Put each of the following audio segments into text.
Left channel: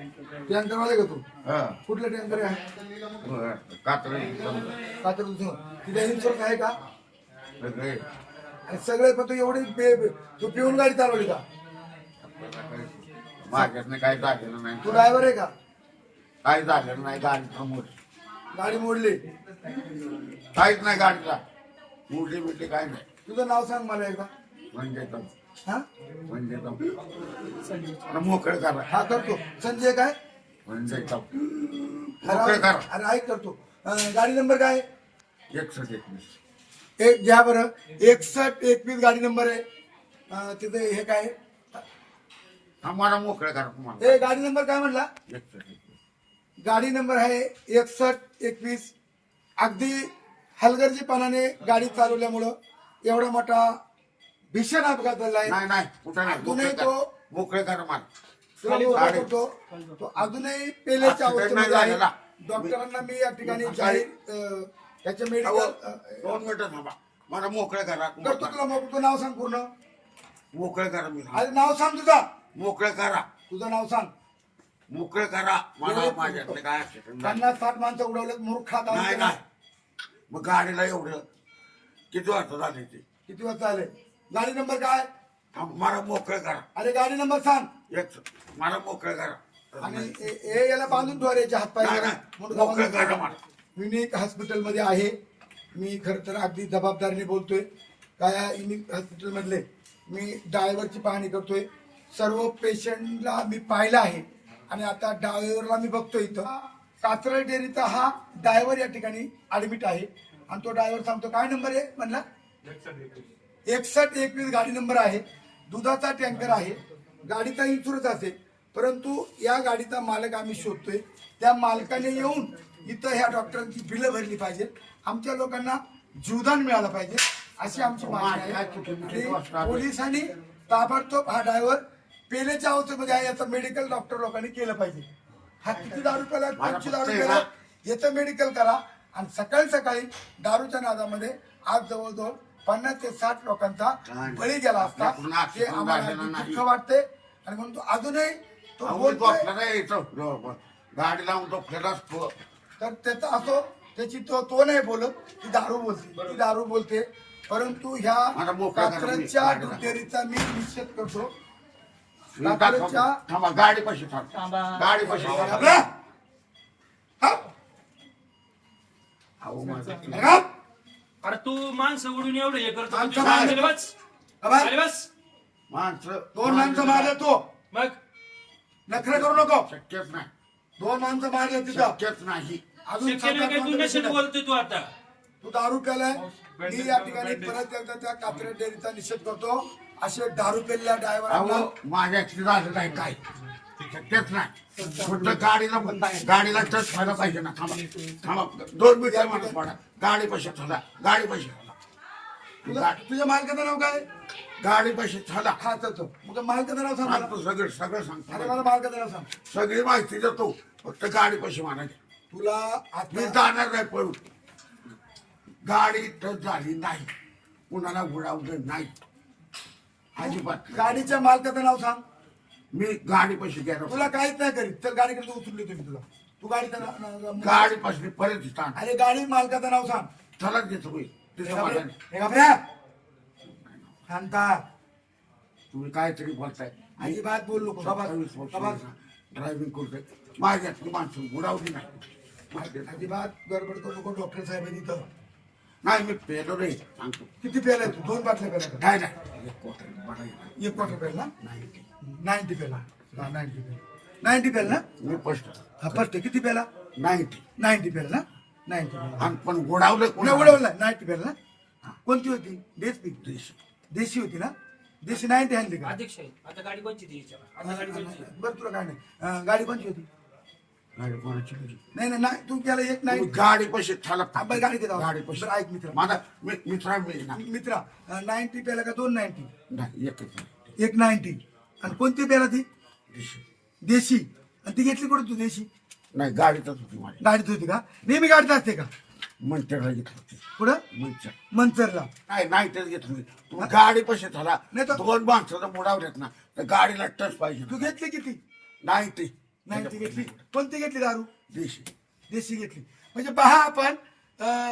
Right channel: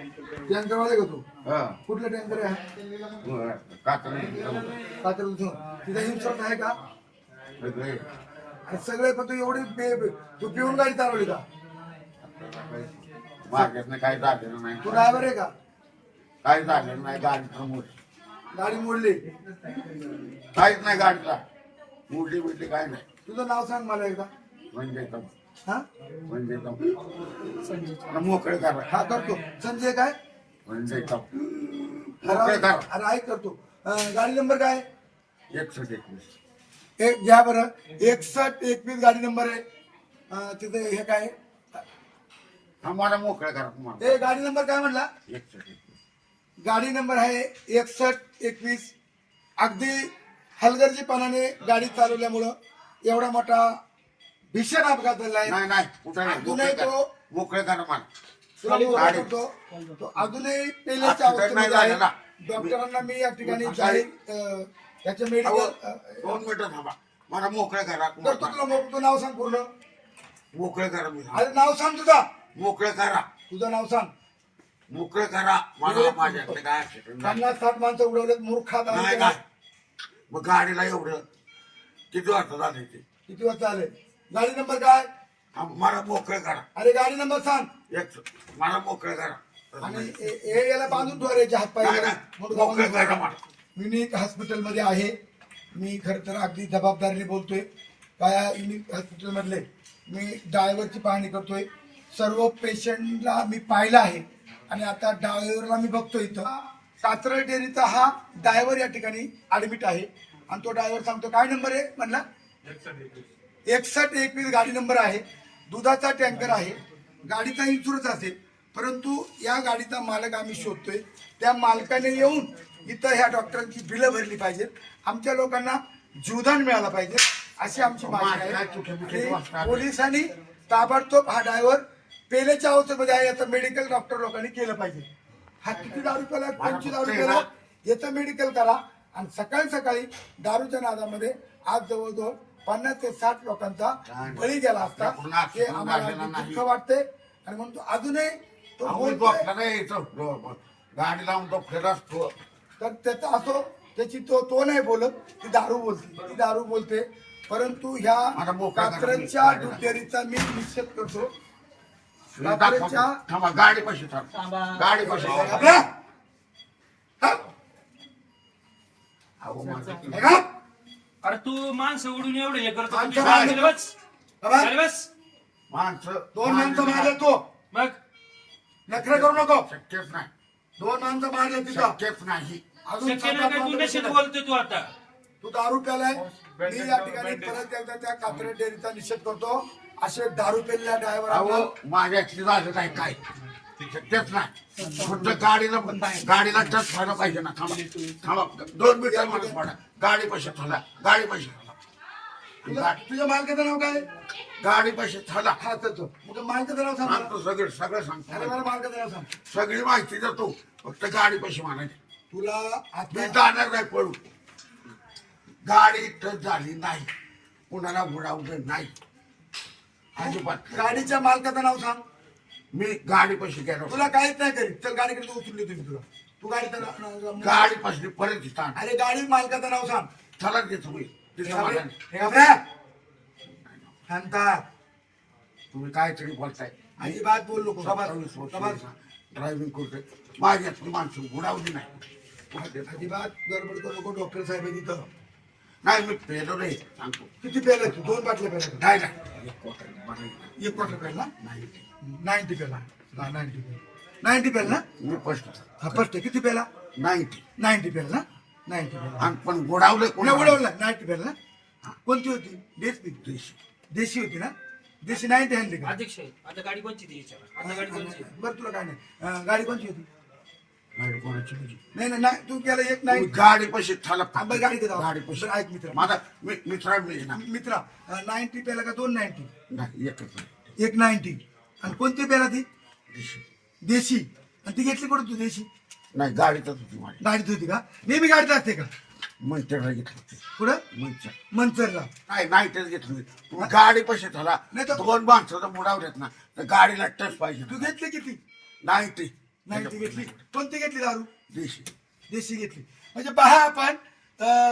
Tanker वाले का तू? हा कुठला टँकर आहे? कात्र कातर तिथे इन्शुरन्स आहे का? सगळे आणि सगळे पण तू एवढी तू पिऊन गाडी चालवली का? माझ्यातनं काही झालेलं नाही. तू ड्रायव्हर आहे का? काही झालेलं नाही. गाडीचा गाडी मोडली. काहीच नाही. गाडीचा मोडली बिडली काय नाही. तुझं नाव सांग मला एकदा. म्हणजे हा म्हणजे मोकळे करा. हा करतो. संजय काय? म्हणजे मोकळे करा. अरे ऐक करतो. गाडी नंबर काय? 6121. एक घ्या बरं. 6121 गाडी नंबर आहे. तिथे हे काय? आम्हाला मोकळे करा तुम्हाला. हे गाडी नंबर काय म्हणला? 6121. गाडी नंबर आहे 6121. अगदी हलगर्जीपणाने गाडी चालवल्यामुळं एवढा मोठा भीषण अपघात झालाय. नाही नाही कुठं नाही. अजूनही मोकळे तो करा. मोकळे करा मला. तुला मोकळा करतो. तो अजूनही पेलेच्या अवस्थेमध्ये आहे. झालेला. डॉक्टरांना मी या ठिकाणी जाहीर याच्या मेडिकल 2 मिनिटं थांबा. मला मोकळे करा. करतो. तुला तुझं नाव सांग पूर्ण. मोकळे करा. मी अरे नाव सांग तुझा. मोकळे करा. तुझं नाव सांग. मोकळे करा. मला माझ्यातले काय accident नाही. 50-60 माणसं उडवलेत मूर्खात. नाही नाही. मग गाडीला एवढं किती वाजता झाले ते? किती वाजता आले? गाडी नंबर काय? मला मोकळे करा. अरे गाडी नंबर सांग. मला मोकळे करा. आणि हे याला बांधून ठेवायचे हातपाय. नाही, नाही. मोकळे करा मला. युनिक हॉस्पिटलमध्ये आहे. मी खरं तर अगदी जबाबदारीने बोलतोय. काय युनिक हॉस्पिटलमधले मी ड्रायव्हरची पाहणी करतोय. सर्व पेशंटला मी पाहिलं आहे आणि आता ड्रायव्हरला मी बघतोय. इथं कात्रज डेअरीचा हा ड्रायव्हर या ठिकाणी ऍडमिट आहे आणि तो ड्रायव्हर सांगतो काय नंबर आहे म्हणला? 6121 गाडी नंबर आहे. दुधाचा टँकर आहे. गाडीचा इन्शुरन्स असेल परंतु या गाडीचा मालक आम्ही शोधतोय. त्या मालकाने येऊन इथं ह्या डॉक्टरांची बिलं भरली पाहिजेत. आमच्या लोकांना जीवदान मिळालं पाहिजे अशी आमची मागणी आहे. पोलिसांनी ताबडतोब हा ड्रायव्हर पेलेच्या अवस्थेमध्ये आहे याचं मेडिकल डॉक्टर लोकांनी केलं पाहिजे. हा किती दारू प्याला? 25 दारू प्याला. याचं मेडिकल करा. आणि सकाळी सकाळी दारूच्या नादामध्ये आज जवळजवळ 50 ते 60 लोकांचा बळी गेला असता. हे आम्हाला दुःख वाटते. आणि म्हणून तो अजूनही तो बोलतोय. गाडी लावून तो फिरत असतो. तर त्याचा असो त्याची तो नाही बोलत. ती दारू बोलते. ती दारू बोलते. परंतु ह्या कात्रजच्या दुधडेअरीचा मी निषेध करतो. थांबा. गाडी पाशी थांबा. गाडी पाशी अरे तू माणसं उडून एवढं हे करतो. माणसं खाली बस. बाहेर. खाली बस. माणसं 2 माणसं मारले तो. मग नखरे करू नको. शक्यच नाही. 2 माणसं मारले तिथं. शक्यच नाही. अजून शक्य नाही काय? तू नशीब बोलतोय तू आता. तू दारू प्यालाय. मी या ठिकाणी परत एकदा त्या कात्रज डेअरीचा निषेध करतो. असे दारू पेलेल्या ड्रायव्हरांना माझ्यातली झालं नाही काय. शक्यच नाही. फक्त गाडीला टच व्हायला पाहिजे ना. थांबा थांबा. 2 मिनिटं माणूस पडा. गाडी पाशी थांबा. गाडी पाशी थांबा. तुझ्या मालकाचं नाव काय? गाडी पाशी थांबा. हा तर मग मालकाचं नाव सांग मला. सांगतो सगळं अरे सांगतो. मला मालकाचं नाव सांग. सगळी माहिती देतो. फक्त गाडी पाशी मारायची. तुला मी आता जाणार नाही पळू. गाडी टच झाली नाही. कुणाला उडवलं नाही अजिबात. गाडीच्या मालकाचं नाव सांग. मी गाडी पाशी गेलो. तुला काहीच नाही करीत. चल गाडीकडे उचलली तुम्ही तुला. तू गाडीचं नाव. गाडी पाशी परत दिसता. अरे गाडी मालकाचं नाव सांग. चला देतो मी. हे घाबरे. शांता. तुम्ही काहीतरी बोलताय. अजिबात बोल नको. सभात ड्रायव्हिंग करतोय. माझ्यातली माणसं उडावली नाही. अजिबात गडबड करू नको. डॉक्टर साहेब आहे तिथं. नाही मी पेलो नाही. सांगतो. किती पेलाय तू? 2 बाटल्या पेला का? नाही नाही. 1 क्वार्टर पेला. नाही 90 पेला. 90 पेला ना? मी स्पष्ट हा फर्स्ट किती पेला? 90 पेला ना? 90 पेला. आणि पण गोडावलं नाही उडवला. 90 पेला ना? कोणती होती? देशी होती ना? देशी 90 आणली का? अध्यक्ष आता गाडी कोणची ती विचारा. आता गाडी कोणची? बरं तुला काय नाही. गाडी कोणची होती? गाडी कोणाची नाही. नाही नाही तू केला 1 तुम्ही 90. गाडी पाशी थाला. बरं गाडी घेता. गाडी पाशी. बरं ऐक मित्र. माझा मित्रा मी ना. मित्रा 90 पेला का 290? नाही एकच नाही. 190. आणि कोणती पेला ती? दिशी. देशी. आणि ती घेतली कुठं तू देशी? नाही गाडीतच होती माझी. गाडीत होती का? नेहमी गाडीत असते का? मंचरला घेतली होती. कुठं? मंचर. मंचरला. नाही नाही तेच घेतली. तुम्ही गाडी पाशी थाला. नाही तर- 2 माणसं जर बुडावल्यात ना तर गाडीला टच पाहिजे तू ना. घेतली किती? 90. नाही ती घेतली. कोणती घेतली दारू? देशी. देशी घेतली. म्हणजे पहा आपण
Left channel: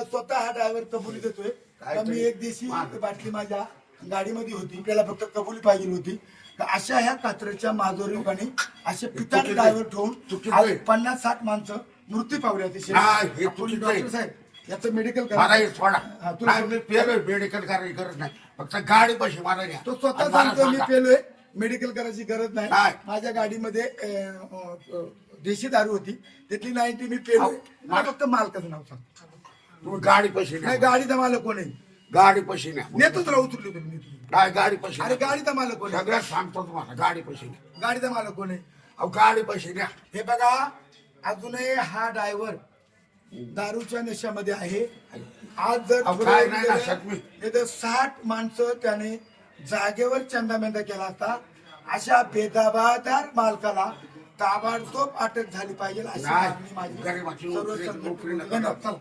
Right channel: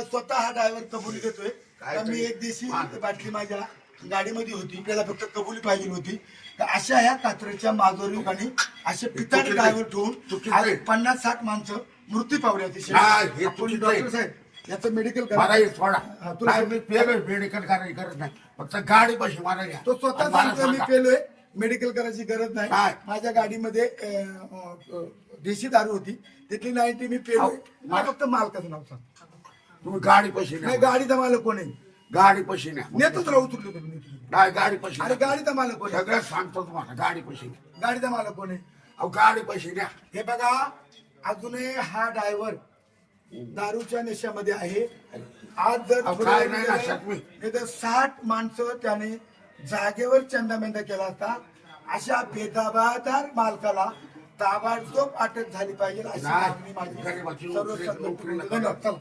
स्वतः हा ड्रायव्हर कबुली देतोय का मी एक देशी बाटली माझ्या गाडीमध्ये होती, त्याला फक्त कबुली पाहिजे होती. तर अशा ह्या कात्रच्या माजोरी लोकांनी असे पिताड ड्रायव्हर ठेवून आज 50-60 माणसं मृत्यू पावली होती. नाही, हे चुकीचं आहे. डॉक्टर साहेब याचं मेडिकल मला हे सोडा. हा, तुला- नाही, मी पेलोय, मेडिकल करायची गरज नाही. फक्त गाडी पैसे मला घ्या. तो स्वतः आणि मला सांगतो मी सांगा. पेलोय, मेडिकल करायची गरज नाही. नाही. माझ्या गाडीमध्ये देशी दारू होती, तिथली 90 मी पेलोय. मला फक्त मालकाचं नाव सांग. तुम्ही गाडी पैसे नाही द्या. गाडीचा मालक कोण आहे? गाडी पैसे द्या. नेतो तुला उतरलो तुम्ही नेतो. नाही, गाडी पैसे अरे द्या. गाडीचा मालक कोण आहे? सगळं सांगतो तुम्हाला. गाडी पैसे द्या. गाडीचा मालक कोण आहे? अहो गाडी पैसे द्या. हे बघा, अजूनही हा ड्रायव्हर दारूच्या नशेमध्ये आहे. आज जर अहो, पुढे काय नाही ना, गेलं, शक्मी. नाही तर 60 माणसं त्याने जागेवर चंदामेंदा केला असता. अशा बेदाबादार मालकाला ताबडतोब अटक झाली पाहिजे अशी नाही, मागणी माझी गरिबाची सर्व नोकरी- संघटनेकडून. नोकरीला धन्यवाद. चला.